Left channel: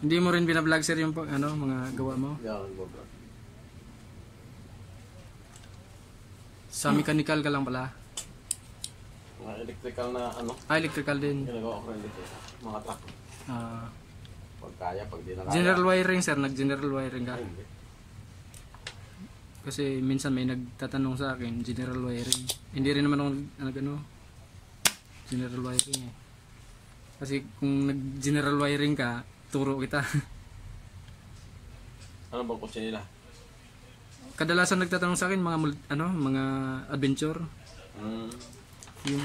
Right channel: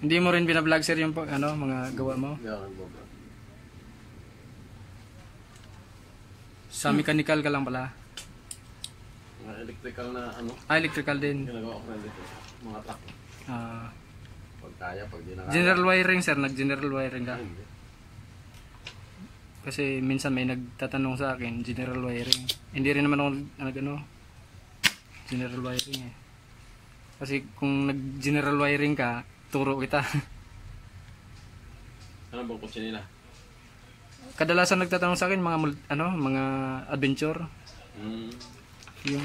Hindi mo rin binablog sir yung ano, mga gawa mo? Hindi ako nag-vlog. Sa mechanical ka lang pala? Mga electrical na ano. Electrical din. Ginagawa ko ng electrical. Mga truck. Pag kaya, pag di na kaya. General wiring sir, nag-general wiring ka? Hindi. Kasi minsan may nagtatanong sa akin, general wiring. Hindi rin naman ako nag-ano, general wiring eh. Kasi kung nag-general wiring ka, turo kita. Ano bang kutsi nila? Kadalasan nagtatanong sa akin mga adventure. Yung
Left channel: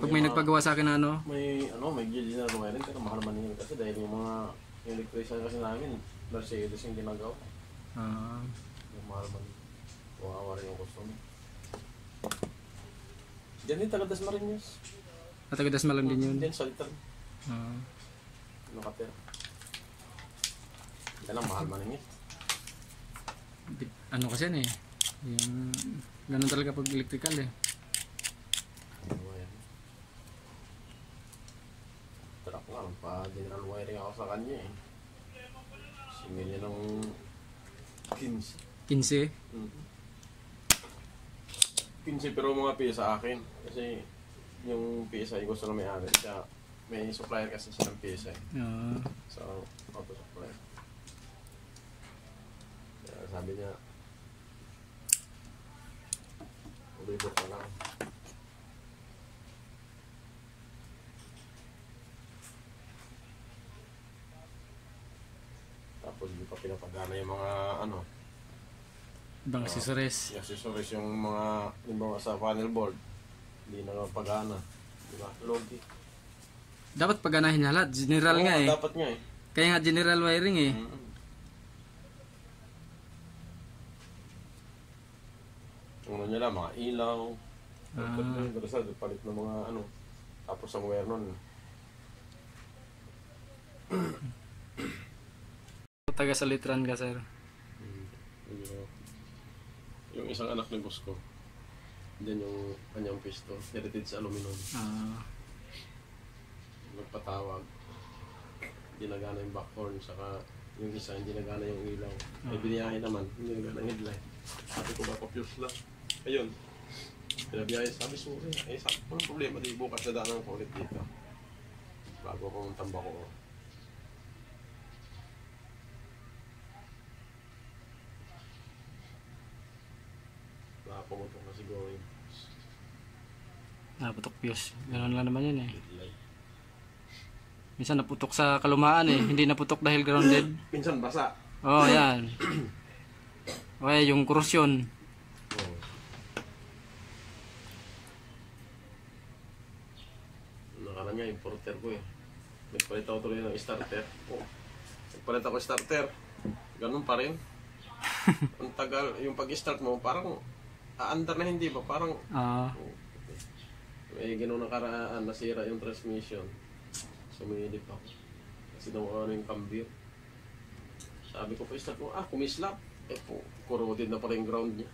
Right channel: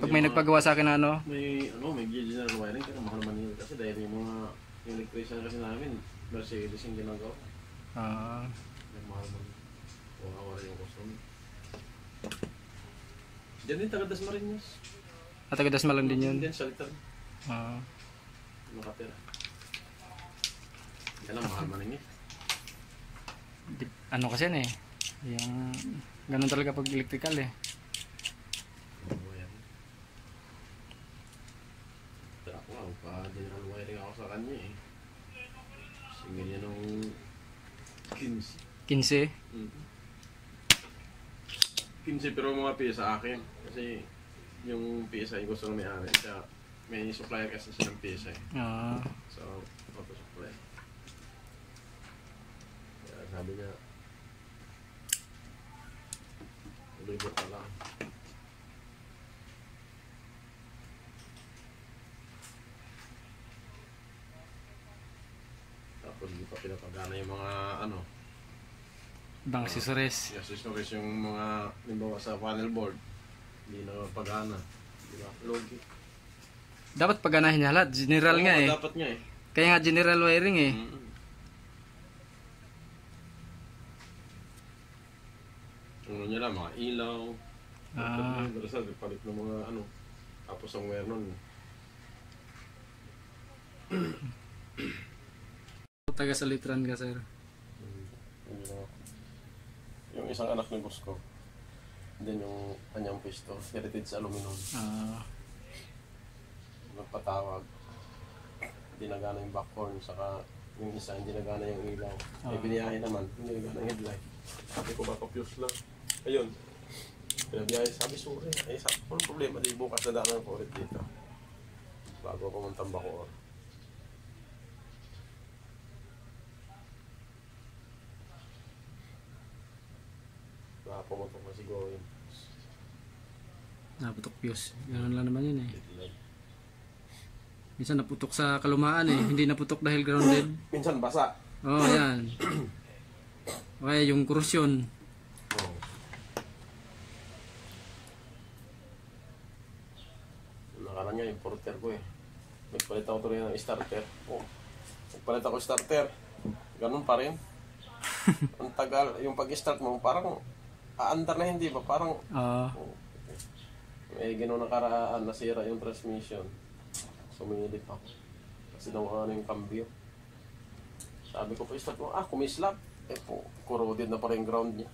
pag may nagpagawa sa akin na ano, may general wiring pero mahal man yun kasi dahil yung mga electrician kasi namin Mercedes yung ginagawa. Yung mahal man. Kawawa rin yung customer. Diyan din taga Dasmariñas. taga Dasmalang din yun. Diyan sa litan. Nakatira. Yan lang mahal man yun eh. Ano kasi yan eh. Yung ganun talaga pag electrical eh. Tara ko nga, pa-general wiring ako sa kanya eh. Similya ng 15. 15? 15 pero mga piyesa akin. Kasi yung piyesa yung gusto na may-ari. May supplier kasi siya ng piyesa eh. So, auto supplier. Kaya sabi niya, ulibot ka lang. Tapos hindi pa pinapagana yung mga ano. Ibang accessories. Accessories yung mga limbawa sa panel board. Hindi na pagana. Diba? Logi. Dapat paganahin niya lahat. General nga eh. Dapat nga eh. Kaya nga general wiring eh. Ano niya lang, mga ilaw. Palit ng mga ano. Tapos ang wire nun. Taga Salitran ka sir. Yung isang anak ng boss ko. Then yung kanyang pisto. Heritage sa aluminum. Nagpatawag. Hindi nagana yung backbone. Saka yung isa hindi nagana yung ilaw. May biniyahin naman. Hindi nagana yung headlight. Sabi ko baka fuse lang. Ayun. Pinabiyahin. Sabi sorry. Eh sabi ko problema. Di bukas na daan ko ulit dito. Bago akong tambak ko. Pumuntok na siguro yun. Naputok fuse. Ganun lang naman yun eh. Minsan naputok sa kalumaan eh. Hindi naputok dahil grounded. Minsan basa. Oo, yan. Okay, yung korosyon. Nakaraan nga yung porter ko eh. Nagpalit ako tuloy ng starter. Nagpalit ako starter. Ganun pa rin. Ang tagal. Yung pag-start mo parang aandar na hindi ba? Parang may gano'n nakaraan, nasira yung transmission. Sumingilip pa. Kasi nawakan na yung cambio. Sabi ko po, start ko, kumislap. Corroded na pala yung ground niya.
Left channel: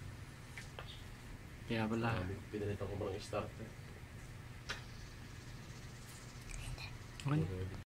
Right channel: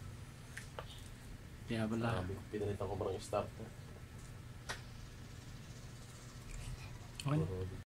Kaya pala. Sabi ko, pinalitan ko parang starter. Okay.